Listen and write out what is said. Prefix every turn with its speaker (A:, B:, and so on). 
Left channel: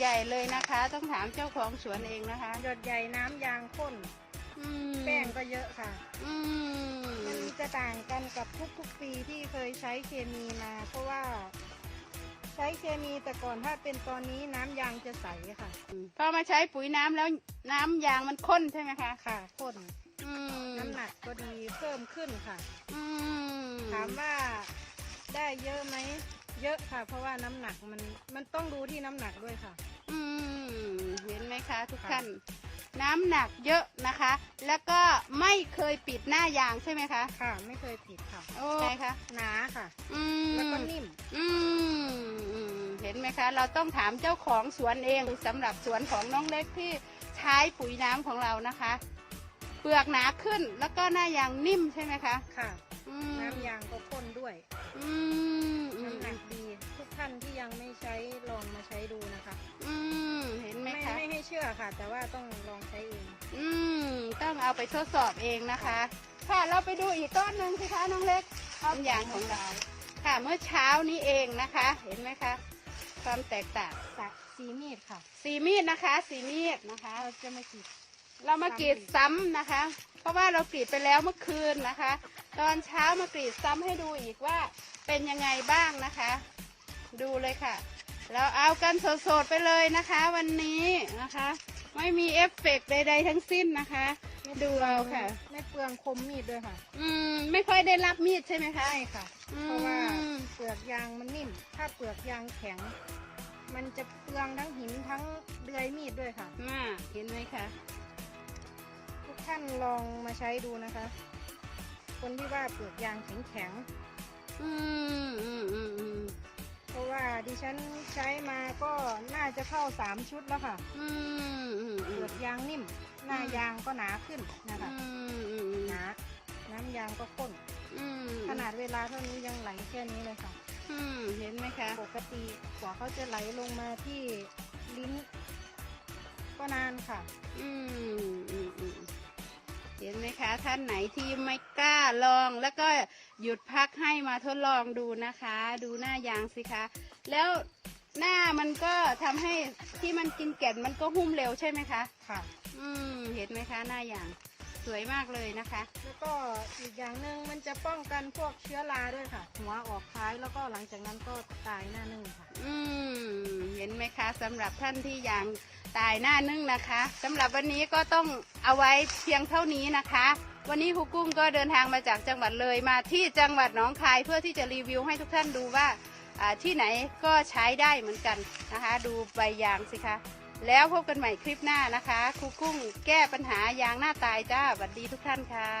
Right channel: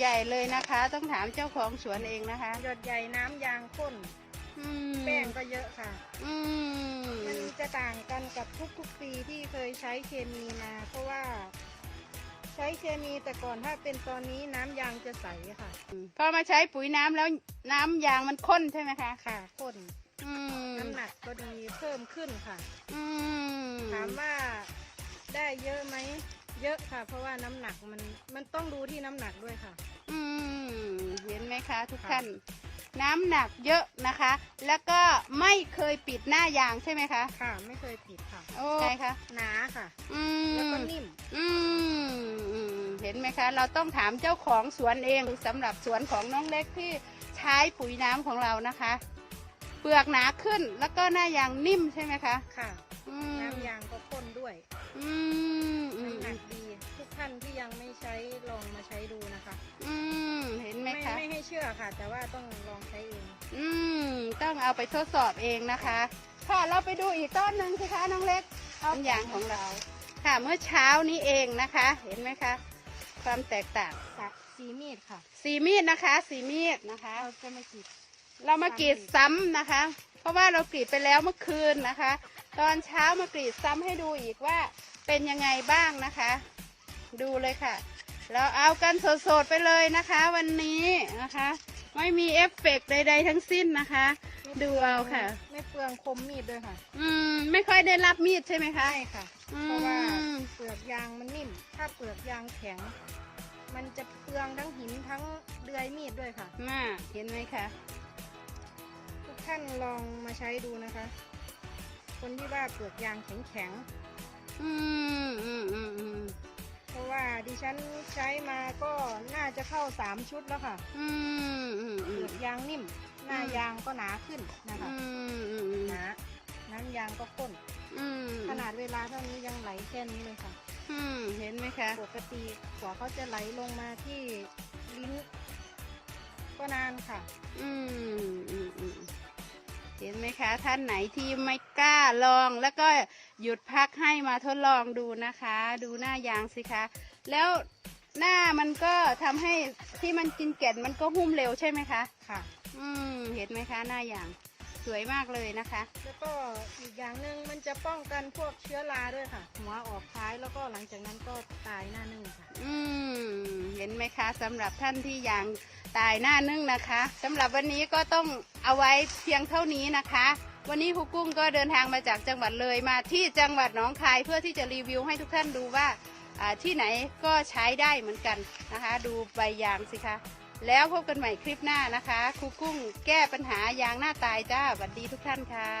A: ใหญ่เลยนะคะ ต้องถามเจ้าของสวนเองนะคะ
B: หยดใหญ่น้ำยางข้น
A: อืม
B: แป้งก็เยอะค่ะ
A: อืม
B: มันจะต่างกันกับทุกๆปีที่เคยใช้เคมีมา เพราะว่า ใช้เคมีแต่ก่อนถ้าเป็นตอนนี้น้ำยางจะใสค่ะ
A: พอมาใช้ปุ๋ยน้ำแล้วน้ำยางมันข้นใช่ไหมคะ
B: ค่ะข้น
A: อืม
B: น้ำหนักก็ดีเพิ่มขึ้นค่ะ
A: อืม
B: ถามว่าได้เยอะไหม เยอะค่ะ เพราะว่าน้ำหนักมันมันต้องดูที่น้ำหนักด้วยค่ะ
A: อืมเห็นไหม คะทุก
B: ค่ะ
A: ท่าน น้ำหนักเยอะนะคะ แล้วก็ไม่เคยปิดหน้ายางใช่ไหมคะ
B: ค่ะ ไม่เคยผิดค่ะ
A: โอ้ใช่คะ
B: หนาค่ะ
A: อืม
B: แล้วก็นิ่ม
A: อืมอืมเห็นไหมคะ เราต้องถามเจ้าของสวนเองสำหรับสวนของน้องเล็กที่ใช้ปุ๋ยน้ำของเรานะคะ เปลือกหนาขึ้นแล้วก็หน้ายางนิ่มใช่ไหมคะ
B: ค่ะ
A: อืม
B: น้ำยางก็ข้นด้วย
A: อืมอืม
B: น้ำหนักดี ทุกท่านที่ยังไม่ใช้ลองมาใช้ดูนะคะ
A: อืมเห็น ไหม
B: ไม่
A: คะ
B: ไม่ให้เชื่อค่ะ แต่ว่าต้องลองใช้เอง
A: อืม ต้องเอาไปทดสอบเองนะคะ ค่ะเราไปดูอีกต้นหนึ่งสิคะน้องเล็กต้นยางของเรา ค่ะเมื่อเช้านี้เองนะคะ เห็นไหมคะ ความแตกต่าง
B: ค่ะสีมีดค่ะ
A: สีมีดนะคะ สีมีดนะคะ
B: เราจะมากรีด
A: เรามากรีดซ้ำนะคะ เพราะว่าเรากรีดไปแล้วเมื่อคืนนะคะ ตอนเช้ามากรีดซ้ำให้ดูอีกว่าเป็นยังไงบ้างนะคะ ดูเลยค่ะ เราเอากันสดๆไปเลยนะคะ วันนี้นะคะ ไม่มีเอฟเฟกต์ใดๆทั้งสิ้นนะคะ ดูเอาค่ะ
B: ไม่เปลืองคมมีดด้วยค่ะ
A: อืม ไม่ค่อยได้รับมีดใช่ไหมคะ
B: ใช่ค่ะ
A: อืม
B: เพราะว่าเปลือกยางมันนิ่ม ถ้าเปลือกยางแข็ง มันจะเปลืองทั้งหินทั้งเดือยมีดด้วยค่ะ
A: น่าเห็นไหมคะ
B: ทุกท่านลองมาใช้ดูนะคะ คนที่ว่าเปลือกยางแข็งแข็ง
A: อืมอืมอืม
B: ฉันใช้มาก็น่าจะเข้าสามชุดแล้วค่ะ
A: อืมอืม
B: เป
A: อื
B: ลื
A: ม
B: อกยางนิ่ม หน้ายางก็หนาขึ้นนะคะ
A: อืมอืม
B: หนาน้ำยางก็ข้น
A: อืม
B: ขนาดเวลาเท่านี้ยังไหลแค่นี้เลยค่ะ
A: อืมเห็นไหมคะ
B: ปกติกว่าเขาจะไหลลงมาที่ลิ้นก็นานค่ะ
A: อืมอืมอืมเห็นไหมคะ ท่านไหนที่ไม่กล้าลองแล้วก็ หยุดพักให้มาทดลองดูนะคะ ดูหน้ายางสิคะ แล้วหน้ามันก็ทำให้ที่มันกินแก่นมันก็หุ้มเร็วใช่ไหมคะ
B: ค่ะ
A: อืมเห็นไหมคะหน้ายางสวยมากเลยนะคะ
B: แล้วก็อีกอย่างหนึ่งมันจะป้องกันพวกเชื้อราด้วยค่ะ หัวออกท้ายแล้วก็หลังจากนั้นก็ตายหน้านึ่งค่ะ
A: อืมเห็นไหมคะสำหรับท่านที่ยางตายหน้านึ่งนะคะสำหรับวันนี้ก็ต้องเอาไว้เพียงเท่านี้นะคะ วันนี้ครูกุ้งก็เดินทางมาจากจังหวัดเลยมาที่จังหวัดหนองคายเพื่อที่จะรีวิวให้ทุกท่านดูว่าที่ไหนก็ใช้ได้เหมือนกันนะคะ ดูใบยางสิคะ แล้วพบกันใหม่คลิปหน้านะคะครูกุ้งแก้ปัญหายางหน้าตายจ้าสวัสดีทุกท่านค่ะ